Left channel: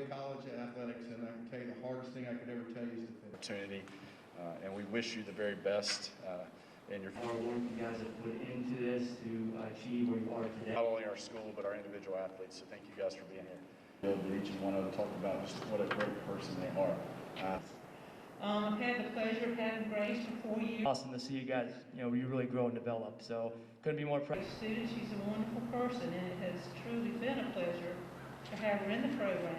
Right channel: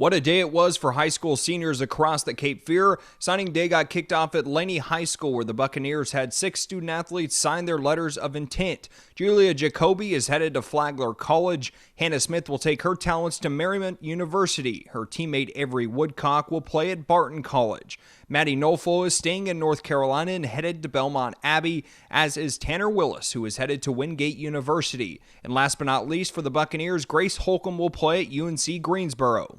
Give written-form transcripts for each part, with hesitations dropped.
What a day it was for high school seniors across the Cape Fear. Signing day got kicked off at Laney High School, where the Buccaneers had 6 student athletes sign their letters of intent. Julia Jacoby is headed to Flagler College. Hannah Smith will take her talents to Merriman University. Her teammate Avery Woodcock will play at Barton College. Maddie Nolfo is staying in North Carolina and headed to Belmont Abbey, as is Tanner Willis, who is headed to Wingate University. And last but not least, for the Buccaneers, Grace Holcomb will play at UNC Greensboro.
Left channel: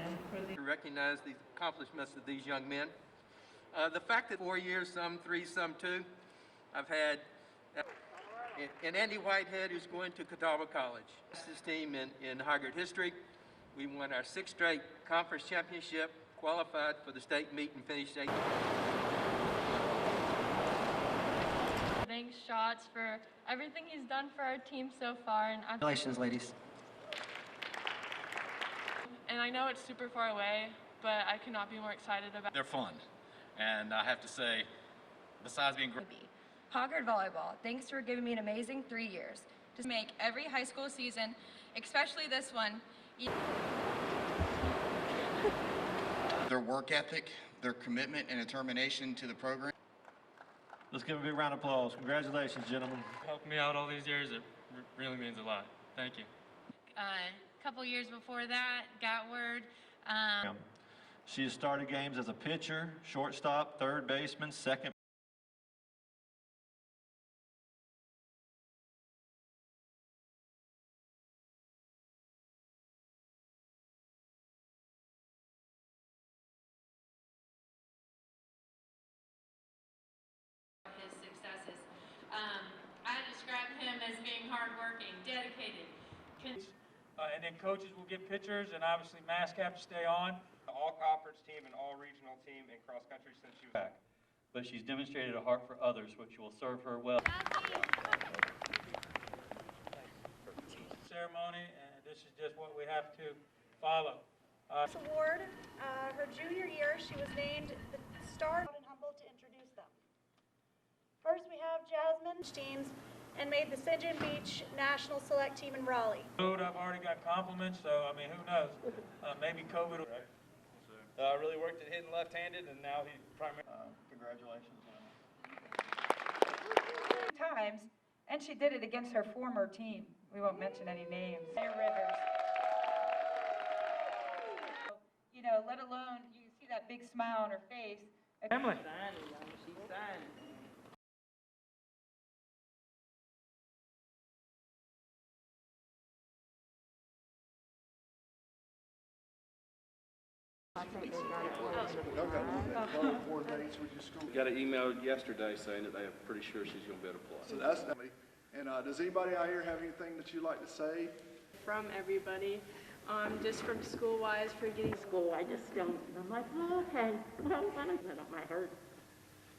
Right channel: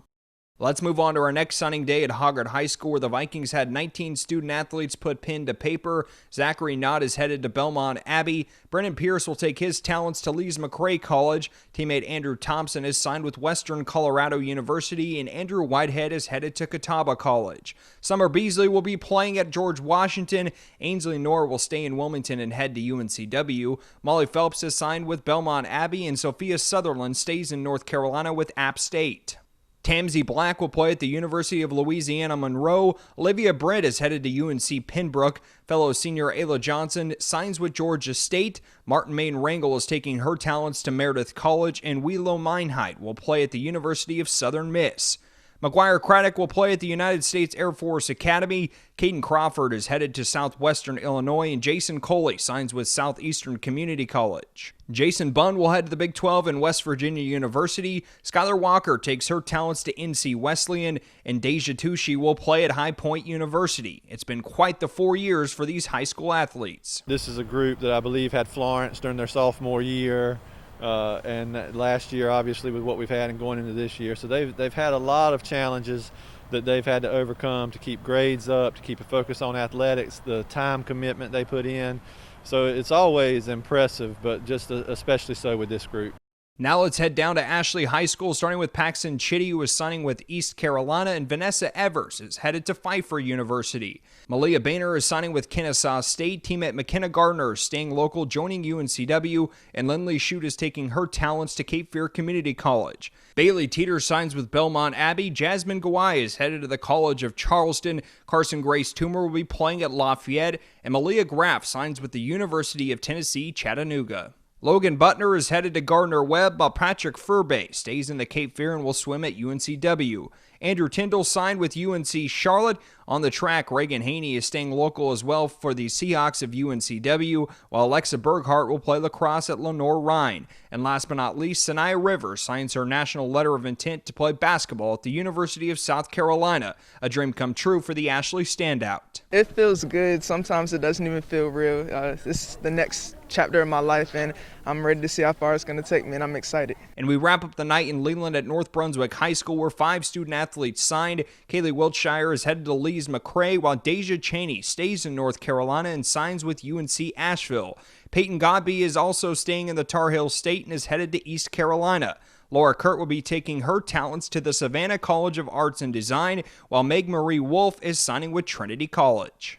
Let's move on to our next signing day at Hoggard High School, where the Vikings had 19 student athletes put pen to paper. Zachary Knott is headed to Belmont Abbey. Brennan Pierce will take his talents to Lees McRae College. Teammate Andrew Thompson is signed with Western Colorado University, and Andrew Whitehead is headed to Catawba College. Summer Beasley will be playing at George Washington. Ainsley Knorr will stay in Wilmington and head to UNCW. Molly Phelps is signed with Belmont Abbey, and Sophia Sutherland stays in North Carolina with App State. Tamsy Black will play at the University of Louisiana Monroe. Olivia Britt is headed to UNC Pembroke. Fellow senior Ayla Johnson signs with Georgia State. Martin Main Rangel is taking her talents to Meredith College, and Willow Meinheit will play at the University of Southern Miss. McGuire Craddock will play at the United States Air Force Academy. Caden Crawford is headed to Southwestern Illinois, and Jason Coley signs with Southeastern Community College. Jason Bunn will head to the Big 12 and West Virginia University. Skylar Walker takes her talents to NC Wesleyan, and Deja Tucci will play at High Point University. It's been quite the 4 years for these high school athletes. This is a group that I believe had Florence during their sophomore year. And last year, obviously, with what we've had and going into this year. So they've had a lot of challenges that they've had to overcome to keep grades up, to keep a focus on athletics, the time commitment they put in. So it's always impressive, but just especially so with this group. Now let's head down to Ashley High School, starting with Paxton Chitty, who is signing with East Carolina, and Vanessa Evers is headed to Pfeiffer University. Malia Boehner is signing with Kennesaw State. Teammate McKenna Gardner is staying local, joining UNCW, and Lindley Shute is taking her talents to Cape Fear Community College. Bailey Teeter signs with Belmont Abbey. Jasmine Gawai is headed to the College of Charleston. Carson Grace Toomer will be playing at Lafayette, and Malia Graff signs with the University of Tennessee, Chattanooga. Logan Butner is headed to Gardner-Webb, while Patrick Furby stays in the Cape Fear and will swim at UNCW. Andrew Tyndall signed with UNC Charlotte. On the track, Reagan Haney is staying local as well for the Seahawks of UNCW, while Alexa Berghart will play lacrosse at Lenore-Rhine. And last but not least, Sanaya Rivers signs her national letter of intent to play basketball at the University of South Carolina, a dream come true for the Ashley standout. It feels good. Sometimes it doesn't even feel real. This is the next chapter of my life, and I'm ready to see how far it's going to take me, and I'm excited. And we wrap up the night in Leland at North Brunswick High School, where 5 student athletes signed. Kaylee Wiltshire is headed to Lees McRae, while Deja Cheney stays in North Carolina and signs with UNC Asheville. Peyton Godby is also staying in the Tar Heel State and is headed to East Carolina. Laura Kurt will be taking her talents to the Savannah College of Arts and Design, while Meg Marie Wolf is signing with Trinity College.